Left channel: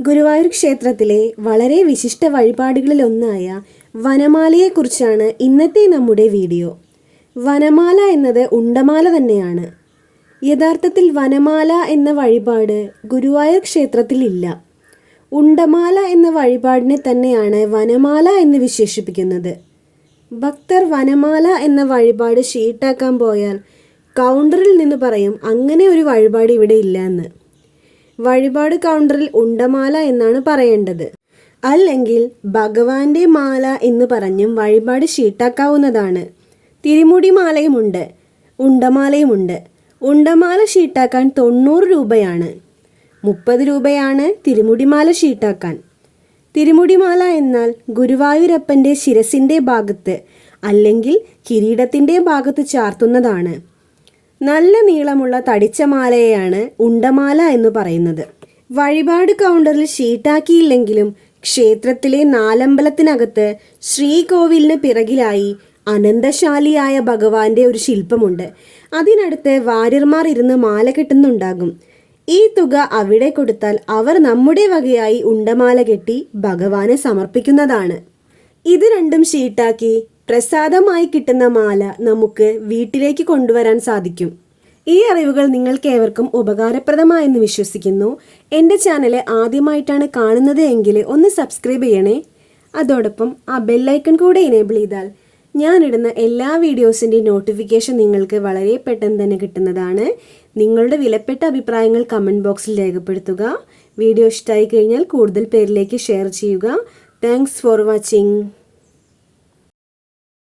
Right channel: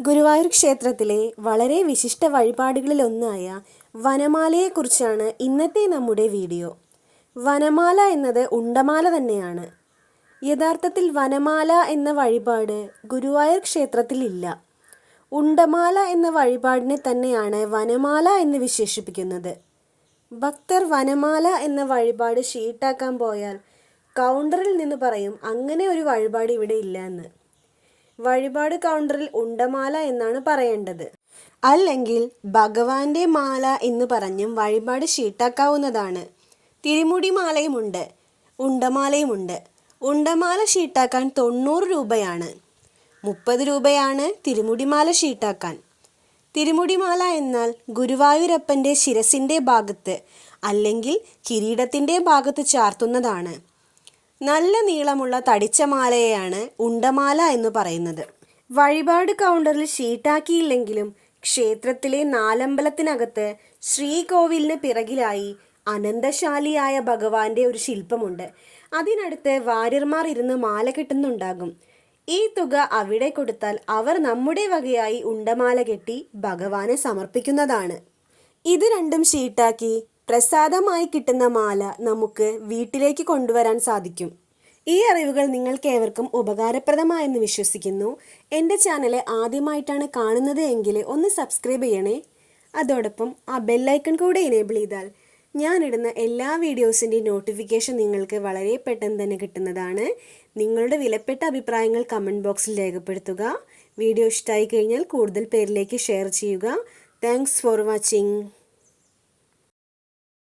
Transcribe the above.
ഗുരുവായൂർ ക്ഷേത്രത്തിലെ വളരെ വിശിഷ്ട വഴിപാടുകളിലൊന്നായ വനമാലയെക്കുറിച്ചാണ് ഇന്നത്തെ നമ്മുടെ വീഡിയോ. വനമാല എന്നത് ഉണ്ടമാല തന്നെയാണ്. യഥാർത്ഥത്തിൽ വനമാല എന്ന വഴിപാട് ഗുരുവായൂർ ക്ഷേത്രത്തിൽ ഇല്ല ഉണ്ടമാല എന്ന വഴിപാടിനെ തന്നെയാണ് വനമാല എന്ന് വിശേഷിപ്പിക്കുന്നത്. ഭക്തർ വനമാല എന്ന വഴിപാട് ഷീട്ടാക്കാൻ പോയാൽ കൗണ്ടറിൽ നിന്ന് പറയും അങ്ങനെ ഒരു വഴിപാട് ഇവിടെ ഇല്ല എന്ന്. വഴിപാട് കൗണ്ടറിൽ ഉണ്ടമാല എന്നാണ് പറയേണ്ടത്. അല്ലെങ്കിൽ ഭഗവാന്റെ മാല എന്ന് പറഞ്ഞും വഴിപാട് ഷീട്ടാക്കാവുന്നതാണ് തിരുമുടി മാലയുമുണ്ട് ഉണ്ടമാലയുമുണ്ട്. ഉണ്ടമാല ഷീട്ടാക്കാൻ തൊണ്ണൂറ് രൂപയാണ്. മുപ്പത് രൂപയാണ് തിരുമുടിമാല ഷീട്ടാക്കാൻ തിരുമുടിമാല എന്നാൽ ഗുരുവായൂരപ്പന്റെ ശിരസിന്റെ ഭാഗത്ത് അല്ലെങ്കിൽ കിരീടത്തിന്റെ ഭാഗത്ത് ചാർത്തുന്നതാണ്. നല്ല നീളമുള്ള തടിച്ച മാലയെയാണ് ഉണ്ടമാല എന്ന് പറയുന്നത്. വഴിപാട് കൗണ്ടറിൽ ഷീട്ടാക്കിയില്ലെങ്കിലും ക്ഷേത്രത്തിലെ നാലമ്പലത്തിനകത്ത് ശ്രീകോവിലിന് പിറകിലായി അനന്തശാലിയായ ഭഗവാന്റെ ഒരു ശില്പമുണ്ട്. അതിനടുത്ത് വാര്യർമാർ ഇരുന്ന് മാല കെട്ടുന്നുണ്ടാകും. ഈ തുക അവിടെ കൊടുത്താൽ അവർ നമ്മുടെ വകയായി ഉണ്ടമാല കെട്ടി ഭഗവാനെ സമർപ്പിക്കുന്നതാണ്. ഇത് രണ്ടും ഷീട്ടാക്കി പ്രസാദമായി കിട്ടുന്ന മാല നമുക്ക് വീട്ടിലേക്ക് കൊണ്ടുവരാൻ സാധിക്കും. ഈ അറിവുകൾ നിങ്ങൾക്ക് ഏവർക്കും ഉപകാരപ്രദമായെന്ന് വിശ്വസിക്കുന്നു. എന്റെ ചാനൽ ആദ്യമായിട്ടാണ് കാണുന്നത് എങ്കിൽ ഒന്ന് സബ്സ്ക്രൈബ് ചെയ്യണേ. അതോടൊപ്പം ആ ബെല്ലൈക്കൺ കൂടെ എനേബിൾ ചെയ്താൽ ഞാനിടുന്ന എല്ലാ വീഡിയോസിന്റെ നോട്ടിഫിക്കേഷൻ നിങ്ങൾക്ക് വളരെ പെട്ടെന്ന് തന്നെ കിട്ടുന്നതാണ്. നിങ്ങളുടെ വിലപ്പെട്ട അഭിപ്രായങ്ങൾ കമന്റ് ബോക്സിൽ രേഖപ്പെടുത്തുക. വീഡിയോ ഇഷ്ടമായി കഴിഞ്ഞാൽ കൂടുതൽ പേരിലേക്ക് ഷെയർ ചെയ്യുക. Thanks for watching